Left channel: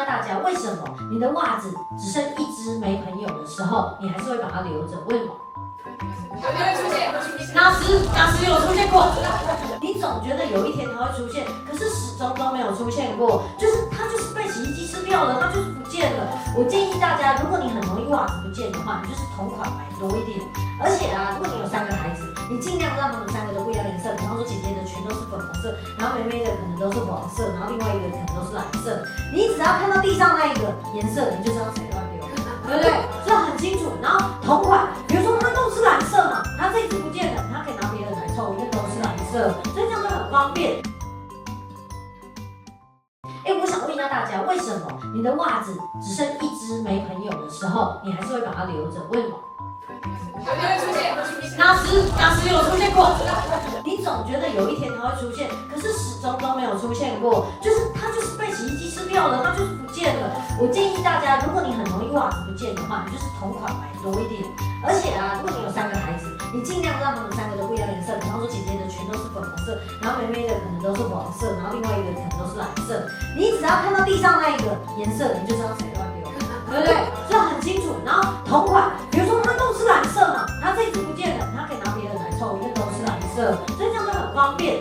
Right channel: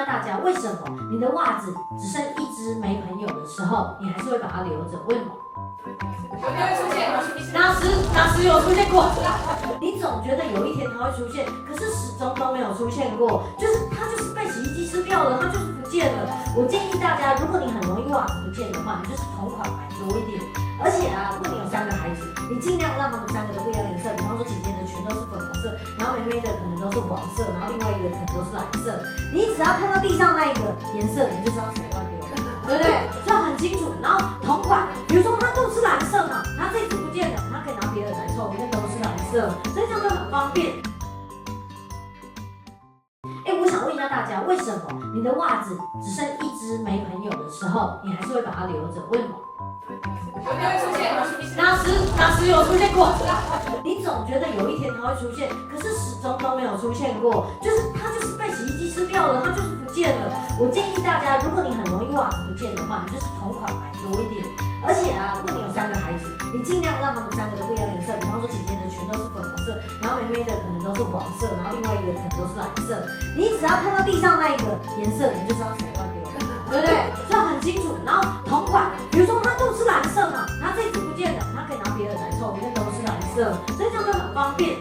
下大家，为什么你的袜子只剩一只没朋友的时候，你还是会把它留着？为什么？有没有出现？哪时有出现过？你总觉得有一天它会出现，可是始终都没有出现过，它就是被洗衣机吃掉了，它就是不见了。我建议大家，如果你很容易袜子不见的话，你就是同款买多一点。而且啊，如果你有3个孩子，你尽量让他们3个都不一样的颜色，比方说姐姐的裙都是粉红色，然后妹妹的可能都是黄色，然后另外一个可能都是蓝色。你只要看到地上那一个颜色，你就知道谁乱丢，对不对？这很清楚。然后同款，比如说它都是蓝色嘛，它这一只不见了，它可以拿别的来凑，因为都是蓝色，所以这样就很方便。我想问一下大家，为什么你的袜子只剩一只没朋友的时候，你还是会把它留着？为什么？有没有出现？哪时有出现过？你总觉得有一天它会出现，可是始终都没有出现过，它就是被洗衣机吃掉了，它就是不见了。我建议大家，如果你很容易袜子不见的话，你就是同款买多一点。而且啊，如果你有3个孩子，你尽量让他们3个都不一样的颜色，比方说姐姐的裙都是粉红色，然后妹妹的可能都是黄色，然后另外一个可能都是蓝色。你只要看到地上那一个颜色，你就知道谁乱丢，对不对？这很清楚。然后同款，比如说它都是蓝色嘛，它这一只不见了，它可以拿别的来凑，因为都是蓝色，所以这样就很方便。